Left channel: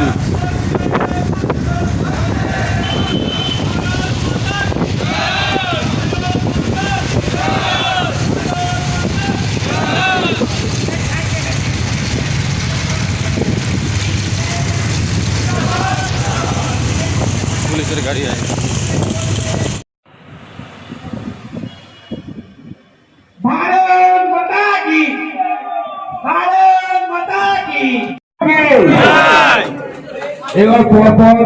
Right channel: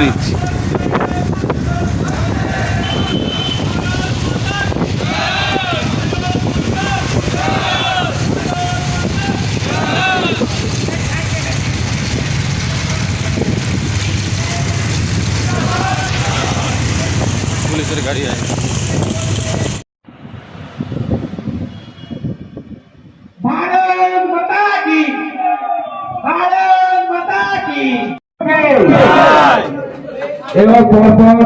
Bridge. পুলিশের গাড়ি আছে। भारत माता की, भारत माता की। এবার পরপর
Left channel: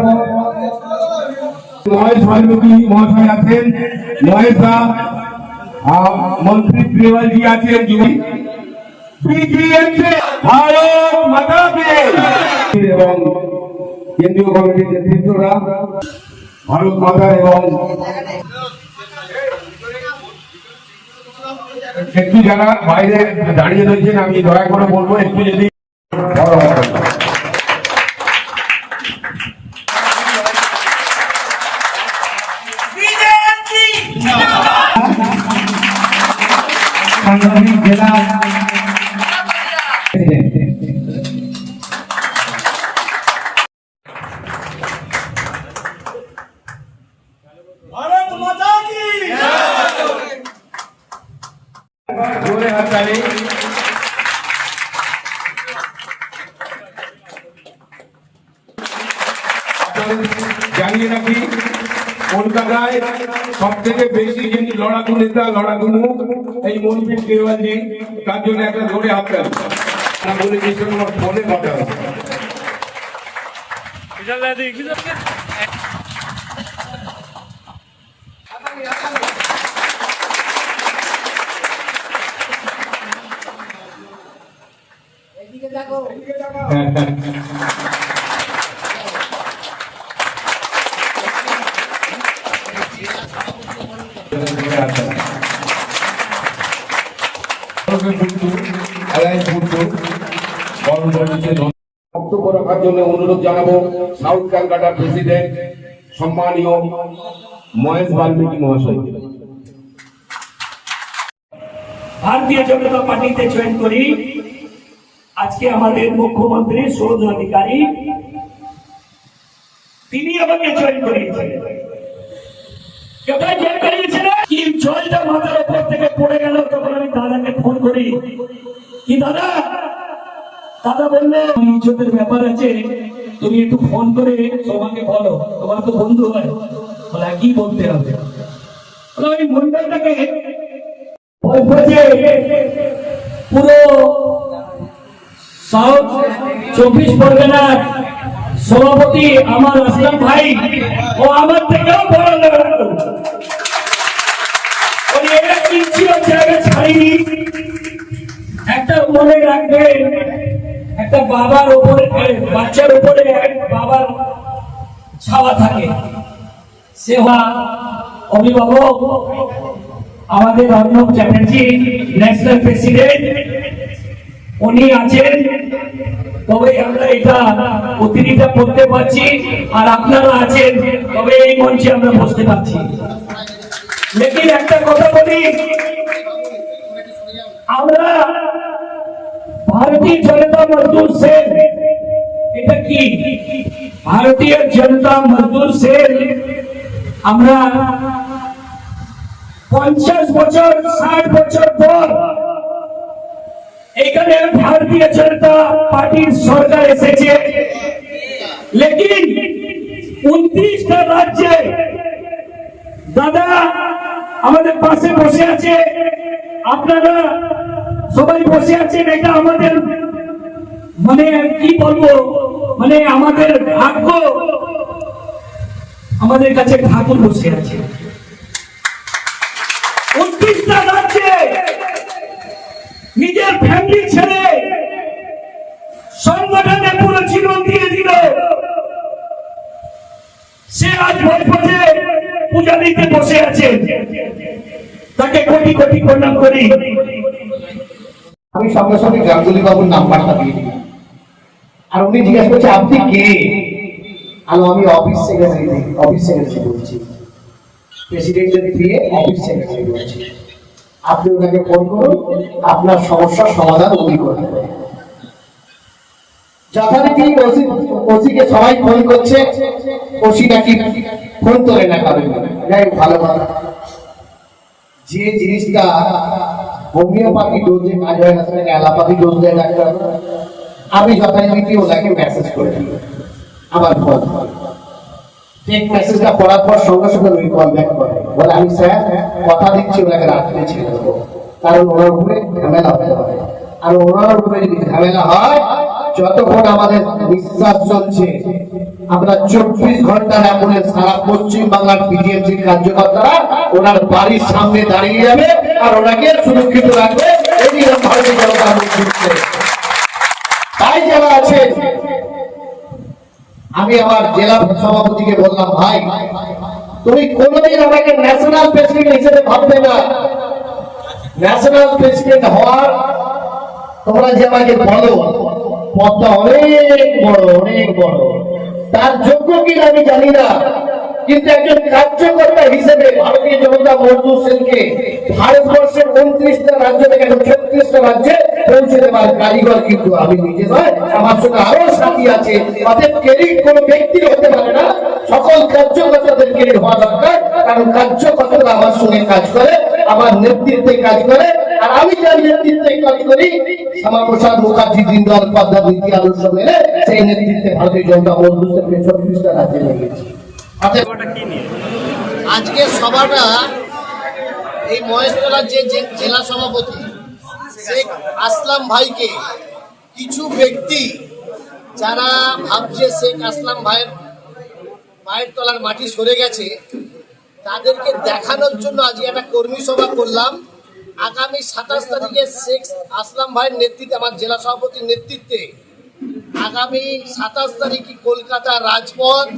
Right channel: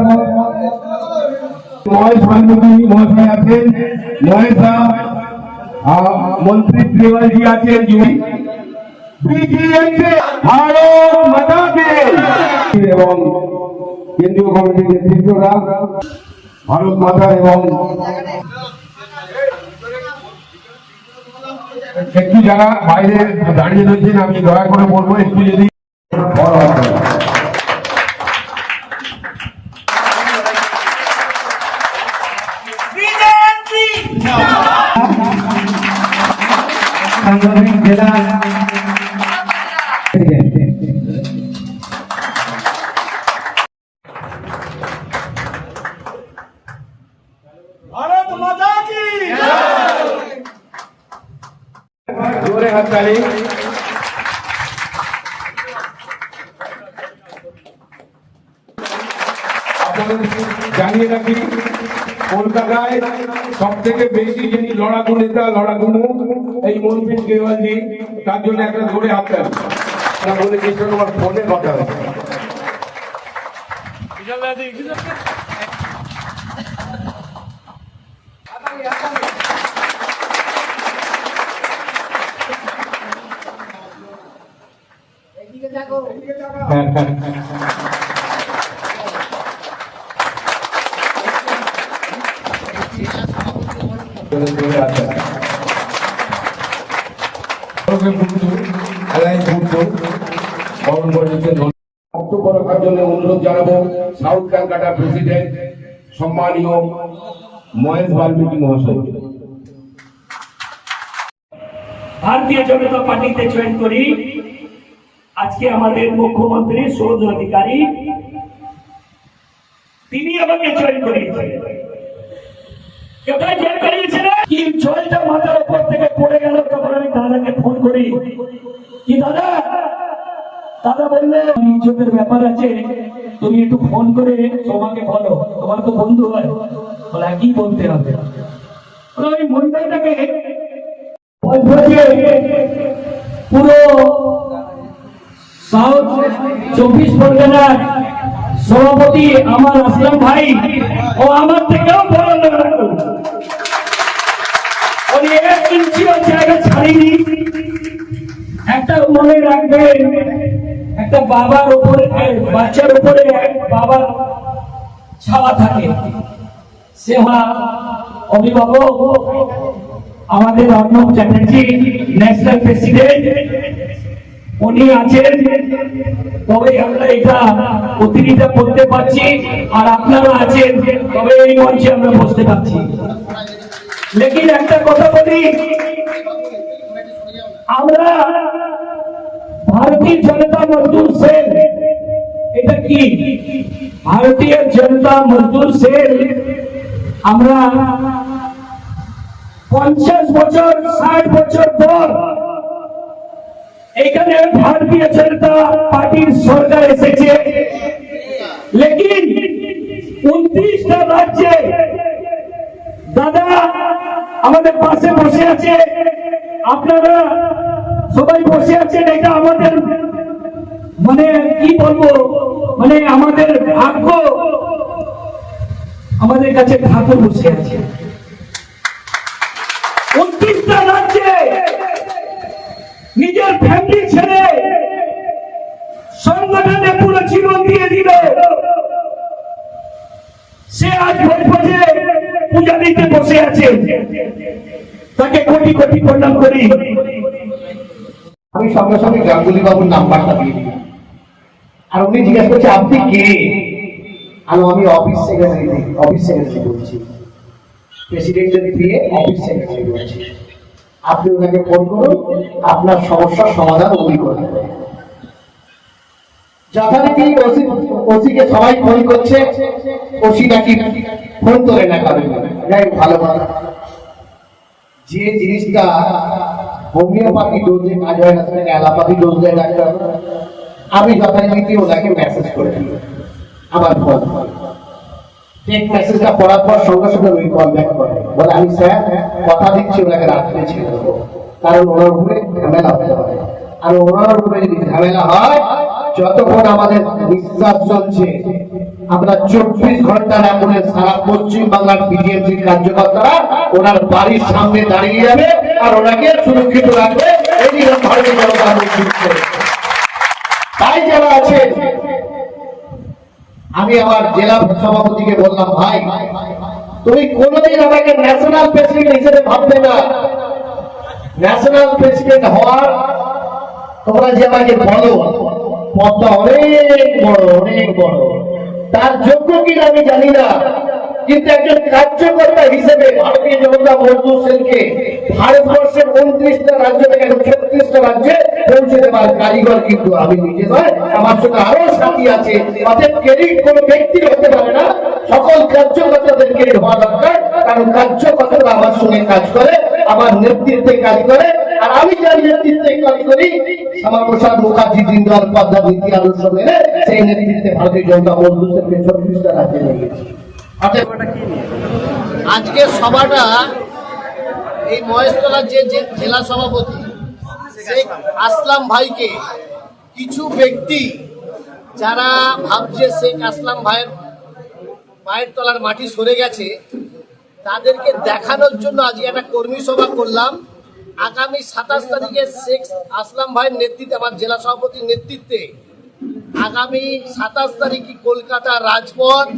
মহেশ ভাল্লুকি মহাশয় আছেন, মহেশা মন্ত্রী শ্রীবালজি আছেন, ভারত মাতা কি এবং কেন্দ্রীয় কমিটির নেতৃত্বরা ভারত মাতা এবং একটু যারা বাইরে দাঁড়িয়ে রয়েছেন আমি দয়া করে বলবো একটু যদি সাংগঠনিক জেলা भारत माता की জোরে হাত তালি। জানিয়ে রাখি কলকাতায় সব থেকে বেশি যিনি লড়াকু নেতা লড়াকু মুখ এই মন্ত্রী কেওয়ালজি, তার জন্য একটা জোরে হাত তালি। না বলে কিছু আমার ফোনে কথা বক্তব্য রাখার জন্য অনুরোধ জানাবো সাউথ ক্যালকাটার প্রেসিডেন্ট সম্মানীয় মহেশ বাল্মীকি মহাশয়। भारतीय जनता पार्टी जॉइन करी आज के हमारे मुख्यमंत्री सुरज अधिकारी जॉइन जलटा माथार ऊपर থেকে পড়ে গেল তখন আমি দাদাকে ফোন করি, কি দাদা দাদা বললে ইজ্জতের ব্যাপার আছে, তুমি একটু ফোন করে তোমাকে বলো, তোমার তো বন্ধু হয়, বলে কি বলতে হবে। ওই মন্ডলটাকে পুরো সাউথ 24 পরগনার সভাপতি আমার আসলাম ভাই ও আমার থেকেও বড় এক ইঞ্চিও জায়গা ছাড়িনি। একটা মনে রাখবেন, একটা বাবার উপরে বাচ্চার উপরে বাবার ছাওয়া থাকে, সে অভিভাবক আমাদের অর্ণব চ্যাটার্জি ন্যাশনাল প্রেসিডেন্ট, উনি আছেন, তবে আমরা এটা প্রতিনিধিত্ব করতে পারছি, আর আপনারা আছেন তবে এই মঞ্চে আমরা বসতে পারছি। লেকিন একটা কথা বলি, আমরা ভারতীয় জনতা মজদুর সেল, এটা কি ভারতীয় জনতা মজদুর সেল, আমরা 50 বছর 60 বছর পর এখানে ভারতীয় জনতা পার্টির সরকার এসেছে, লেকিন 29টা রাজ্যে দাদা আমাদের পাশে বসে আছে, আপনারা সবাই বসে আছেন, এটা আমাদের মানে কি বলবো, মানে আমাদের ভাগ্য, আমাদের কাছে ঠাকুর বসে আছে। 29টা রাজ্যে নিজের ফ্যামিলি ছেড়ে সংগঠনে পুরো জীবন দিয়ে দিল, সে আজ ভোজে পূজা দিতে বসে আছে, তাকে কোটি কোটি প্রণাম করি। আমি সঙ্গে সঙ্গে গাঙ্গুলি বাবুর নাম্বারটা দিয়ে দিলাম, আর উনি জিজ্ঞেস করছে আপনি কে, আর আমি অফিস সেক্রেটারি বলছি, প্রেসিডেন্টের দিয়ে অফিস সেক্রেটারি বলছি, আপনি ওনাকে ফোন করুন, আপনার সমস্যার সমাধান উনি করবেন। যথারীতি ওসিকে সবাই ফোন করছে, ওসি নাকি ফোন তোলে না কারণ। যাই হোক, ভালো কথা। যে জিনিসটা হোমিওপ্যাথি ডোজে কাজ হয় না, সেটাকে অ্যালোপ্যাথি ডোজ দেয় ডাক্তার। আমি যথারীতি ওনাকে মেসেজ করে দিই আমার ফোন। টেক মেসেজটা পড়ার পর সঙ্গে সঙ্গে ওই কল ব্যাক করে, বলে আমি স্যার কথা দিচ্ছি ওনাকে রাত্রে ছেড়ে দেবো, কারণ ওনার উপরে ঝামেলা হতে পারে। আর ওনার উপরে যদি ঝামেলা হয়, যতক্ষণ আমাদের নিঃশ্বাস চলছে, আমরা 24 ঘন্টার আপনি সারা পশ্চিম বাংলার বিজেপির কার্যকর্তারা ওনার বাড়ির সামনে দাঁড়িয়ে যাবে আর ওনাকে সুরক্ষিত রাখবে। এই ভারতীয় জনতা পার্টি। তাই যারা আছে, আমি আমার জেলা সভাপতিকে বললাম, ভাই তুমি কোনোদিন আমাকে ন্যাশনাল প্রেসিডেন্ট হিসেবে ভাববে না। ন্যাশনাল প্রেসিডেন্ট হওয়ার তোমরা যে আমাকে বলো, পদটা অনেক বড়, অনেক বড়। তার যোগ্য কিনা আমি জানি না, কিন্তু একজন কার্যকর্তা হিসেবে ভারতীয় জনতা মজদুর সেলকে ভারতবর্ষের 29টা রাজ্য থেকে 36টা রাজ্যে পৌঁছে দেওয়ার কারিগর কিন্তু আমি নিজে নয়, আমার সঙ্গে আরো সাথী আছে। অতএব ক্রেডিট কোনো ব্যক্তি হতে পারে না, সকল কার্যকর্তাদের ক্রেডিট হওয়া দরকার। কারণ কার্যকর্তারা আমার সঙ্গে কাজ করে, আমার নেতৃত্বে কাজ করে। আর আমি যার নেতৃত্বে কাজ করি, শ্যামাপ্রসাদ মুখার্জি, দীনদয়াল উপাধ্যায় নীতি আদর্শ মেনে সেই নেতৃত্বে ভারতীয় জনতা মজদুর সেলকে 36টা রাজ্যে নিয়ে গেছি। আজকের সভাটা এই মহেশতলার যে জেলা সভাপতি শেখ আসলাম ভাইকে কিছু ব্যক্তি যারা ভাবছে শেখ আসলাম ভাইয়ের পায়ের তলার মাটি সরে গেছে, তাদেরকে দেখানোর জন্য আজকে একটা কর্মী সভা করলাম। আগামী 27 তারিখে শেখ আসলাম ভাইয়ের নেতৃত্বে, আমার জেলা সভাপতির নেতৃত্বে আগামী 27 তারিখে কলকাতা রাজপথ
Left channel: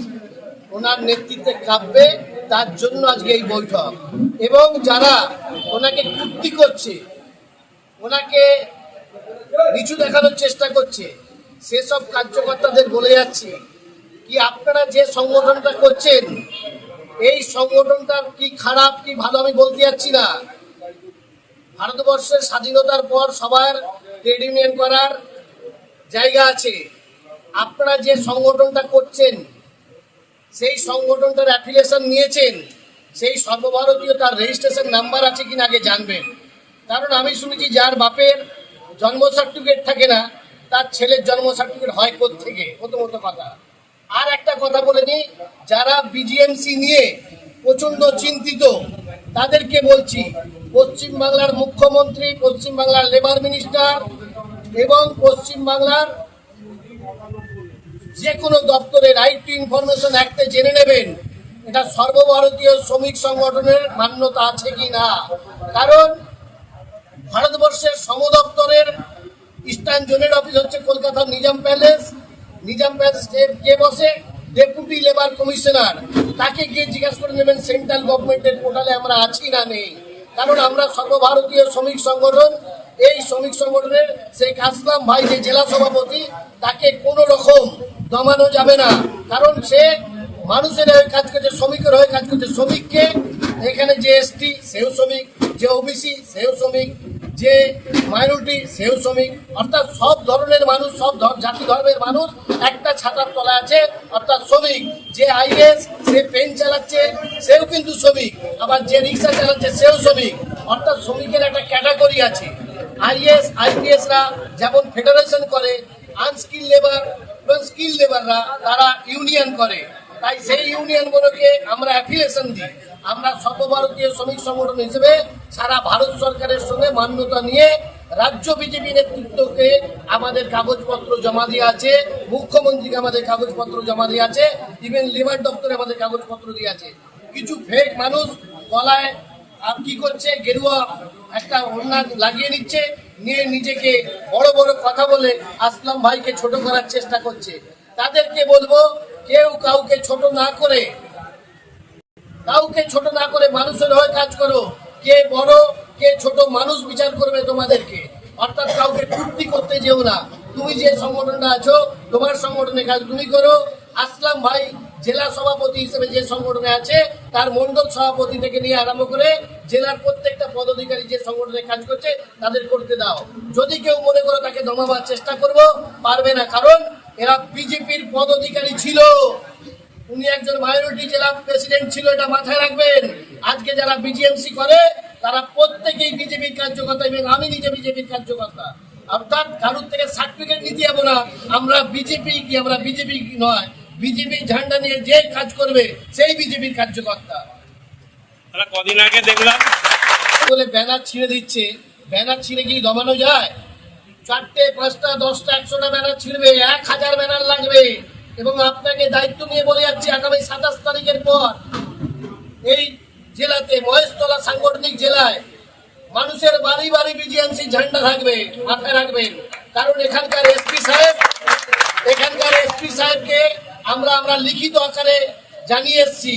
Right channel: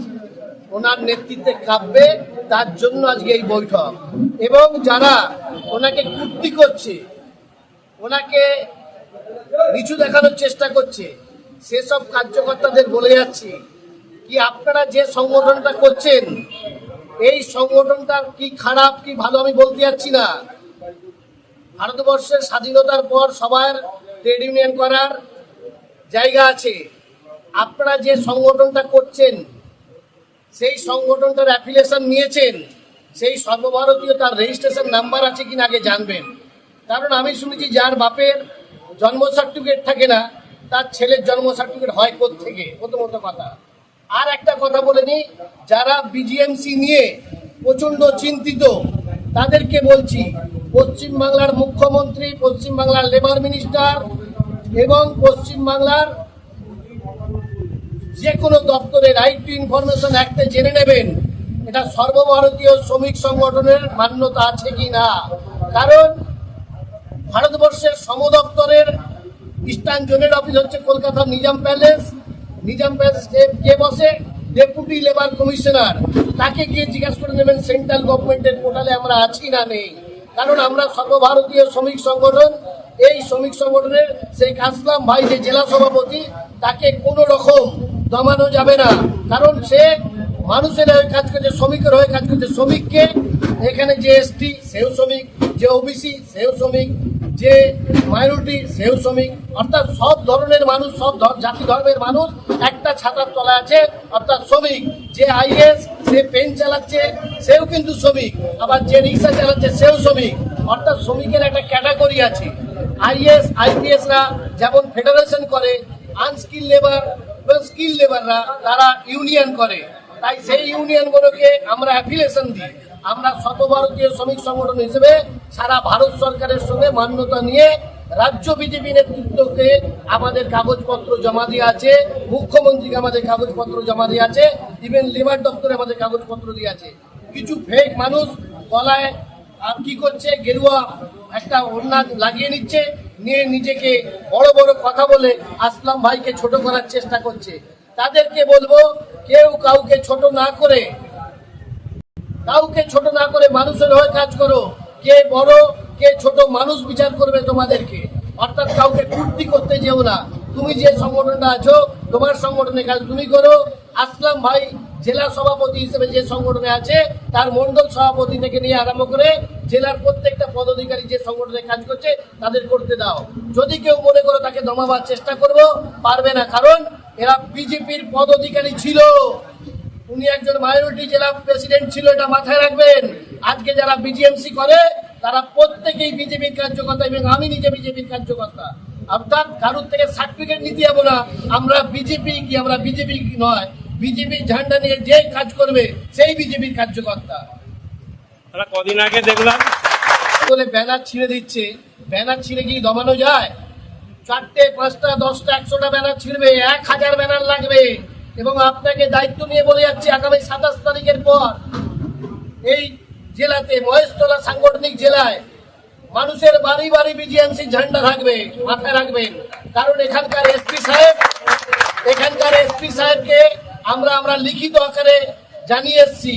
ওনার নেতৃত্বে কাঁপবে। তার জন্য আজকে এই বৈঠক। এবং যারা ওনাকে কুর্তি করছে, ওনাকে নিচু দেখানোর চেষ্টা করছে, সেসব কার্যকর্তাদের বলে যাচ্ছি কি আপনারা যে সংগঠনটা করছেন, এই সংগঠনটার কি খারাপ কি ভালো আমি বলতে যাচ্ছি না। ভারতবর্ষের স্বাধীনতার পর সবার ট্রেড ইউনিয়ন করার জায়গা আছে। আপনারা যে সংগঠনটা করছেন, সেই সংগঠনটার অ্যাফিলিয়েশন নিয়েছেন, সেই সর্বভারতীয় তার রেজিস্ট্রেশন নাম্বার আছে কিনা আগে জানবেন। কারণ আমি শুনেছি যার বাপের জন্ম সার্টিফিকেট থাকে না, তার ছেলের জন্ম সার্টিফিকেট হয় কোত্থেকে, প্রথমত কথা। আর একটা কথা বলে নিই, যারা বিজিএমসি নিয়ে প্রচণ্ড চিন্তিত, তাদেরকে বলছি পশ্চিমবাংলার মুখ্যমন্ত্রী, পশ্চিমবাংলার লেবার মিনিস্টার এবং পশ্চিমবাংলার যে কোনো দপ্তরে রাইট টু ইনফরমেশন অ্যাক্টে জেনে নেবেন এটা সর্বভারতীয় শ্রমিক সংগঠনের মান্যতা আছে কি না। কারণ ভারতবর্ষের সমদপ্তরের ইস্টার্ন জোনের অফিস হচ্ছে কলকাতার নিজাম প্যালেস। নিজাম প্যালেস কে বসে? Deputy labour commissioner. তাকে গিয়ে জিজ্ঞাসা করে নেবেন সেন্ট্রাল গভর্নমেন্টের পোর্টালে আমরা আছি না নেই। কারণ আমরা সর্বভারতীয় শ্রমিক সংগঠন, এই শ্রমিক সংগঠনের শেখ আসলাম ভাই যে জেলা সভাপতি, তাকে কোনো রকম দমানো যাবে না। কারণ সে মানুষের হয়ে কাজ করছে, শ্রমিকের হয়ে কাজ করছে। শ্রমিককে এখানে যে এসটি সেও শ্রমিক, যে ওবিসি সেও শ্রমিক, যে মাইনরিটি সেও শ্রমিক, অর্থাৎ সব ধরনের মানুষ, সব জাতি ধর্মের মানুষ একটা ছাতার তলায় আছে, অর্থাৎ শ্রমিক। যে আইএস সে পেন চালাচ্ছে সেও কিন্তু শ্রমিক, আবার যে রিক্সা চালাচ্ছে সেও শ্রমিক। অর্থাৎ শ্রমিকের একটা ক্যাটাগরি আছে। আইএস আইপিএসরা যেমন ফেডারেশন করে, আনস্কিল লেবার এবং স্কিল লেবাররা তারা ইউনিয়ন করে। তাই সেই ইউনিয়নগুলোকে আমরা অ্যাফিলিয়েশন দিই। আমরা সর্বভারতীয় শ্রমিক সংগঠন হিসেবে সারা ভারত সরকারের সঙ্গে মান্যতা নিয়ে রাজ্য বিজেপি নেতৃত্বকে আমাদের কাগজপত্র জমা দিয়ে আছে, মুখ্যমন্ত্রীকে আমাদের কাগজপত্র জমা দিয়ে আছে, ইভেন লেবার দপ্তরে আমাদের কাগজপত্র দিয়ে আছে। কিছু ফেক মানুষ গলায় কি করছে, গেরুয়া একটা ওড়না লাগিয়ে নিচ্ছে, নিয়ে নিজেকে বড় বড় কথা বলে আসলাম ভাইকে ছোট করার চেষ্টা করছে। তাদেরকে বলবো, কেউ কাউকে ছোট না করে, মানুষের হয়ে কাজ করো। কে বড় কে ছোট মানুষ বিচার করবে তোমাদেরকে। অর্থাৎ কাউকে কুর্তি করতে যেও না। তুমি যে সংগঠনটা আছো, তোমার সংগঠনে কাজ তুমি করো। আসলাম ভাই জেলা সভাপতি হিসেবে যে সংগঠনে আছে, তার মন্ডল সভাপতি থেকে নিয়ে আরম্ভ করে জেলার প্রত্যেকটা পদাধিকারী যে সংগঠনে কাজ করছে তাদের করতে দাও। যদি কেউ মনে করো তাকে দমাবার চেষ্টা করবো, পারবে না। কারণ এরা বিজেপির পদ অধিকারী ছিল। উনি একজন মাইনরিটি জেলা প্রেসিডেন্ট ছিল, এটা মাথায় রাখবেন। আজকে যারা বিজিএমসি করে তারা প্রত্যেকেই বিজেপির কার্যকর্তা, এবং আমি নিজে বিজেপির কার্যকর্তা। অর্থাৎ কারোর থেকে সার্টিফিকেট নিতে যাবো না, আমরা বিজেপি কি, আমরা বিজেপি নয়, বিজেপির ঝান্ডা নিয়ে যে কাজ করবে সেই বিজেপির কার্যকর্তা। কদিন আগে দেখলাম বলে ব্যানার ছিঁড়ে দিচ্ছে, ব্যানার ছিঁড়ে কি দমানো যায়? 4টে 5টা 10টা 100টা ব্যানার ছিঁড়বে, 1000 ব্যানার লাগবে। এবং আপনাকে দায়িত্ব নিয়ে বলে যাচ্ছি, আগামী 27 তারিখের পর এই জেলাতে, মহেশতলা সাংগঠনিক জেলায় মানুষের বাড়ি বাড়ি বিজিএমসি ঝান্ডা থাকবে, মাথায় রাখবেন। কারণ এখানকার এসপি সাহেবকে আমরা লিখিত আকারে জানিয়ে এসেছি,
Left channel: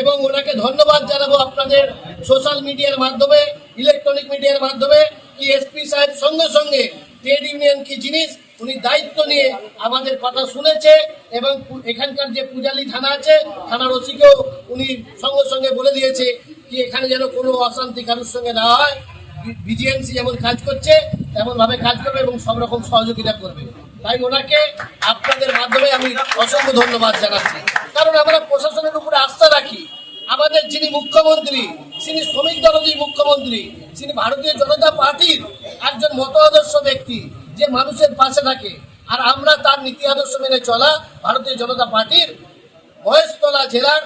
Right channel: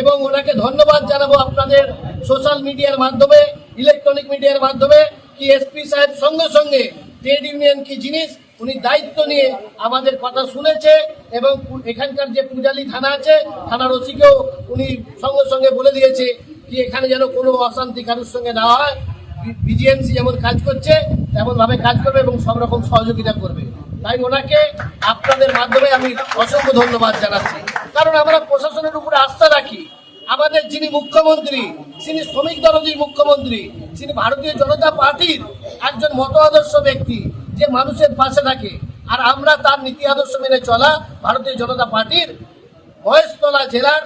এবং ওনাকে ধন্যবাদ জানাবো আপনাদের সোশ্যাল মিডিয়ার মাধ্যমে, ইলেকট্রনিক মিডিয়ার মাধ্যমে, কি এসপি সাহেব সঙ্গে সঙ্গে ট্রেড ইউনিয়ন কি জিনিস উনি দায়িত্ব নিয়ে আমাদের কথা শুনেছে, এবং এখানকার যে পূজালি থানা আছে, থানার ওসিকেও উনি সঙ্গে সঙ্গে বলে দিয়েছে কি এখানে যেন কোনো অশান্তি কারোর সঙ্গে না হয়। বিজিএমসি যেমন কাজ করছে তেমন ভাবে কাজ করবে এবং সব রকম সহযোগিতা করবে। তাই ওনাকে আপনাদের মাধ্যমে আমি অসংখ্য ধন্যবাদ জানাচ্ছি। কারণ আমরা প্রশাসনের উপরে আস্থা রাখি। আমাদের যিনি মুখ্যমন্ত্রী, তিনি শ্রমিক দরদী মুখ্যমন্ত্রী, তিনি ভারতীয় জনতা পার্টির একজন মত আদর্শ ব্যক্তি, যে মানুষের পাশে থাকে। আর আমরা তার নীতি আদর্শ মেনে চলা ভারতীয় জনতা পার্টির মহেশতলা জেলার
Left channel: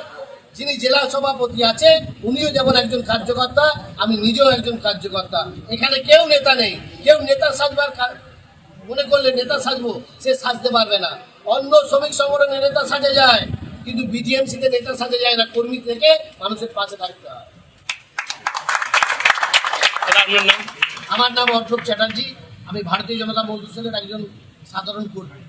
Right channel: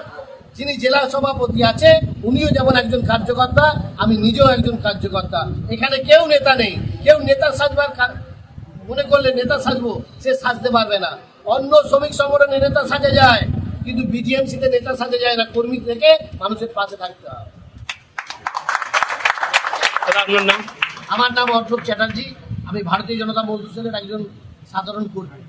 যিনি জেলা সভাপতি আছে, উনিও যেমন একজন কার্যকর্তা, আমি নিজেও একজন কার্যকর্তা। এখানে কেউ নেতা নেই। কেউ নেতা সাজবার মনে করলে নেতা সাজবো, সে সাজতে পারবে না। অন্য শ্রমিক সংগঠনে নেতা সাজা যায়, কিন্তু বিজিএমসিতে নেতা সাজা যায় না। কর্মী থেকে মানুষের পাশে থাকতে হয়। আমার নাম অর্ণব চ্যাটার্জি, আমি ভারতীয় জনতা মজদুর সেলের একজন সাধারণ কর্মী।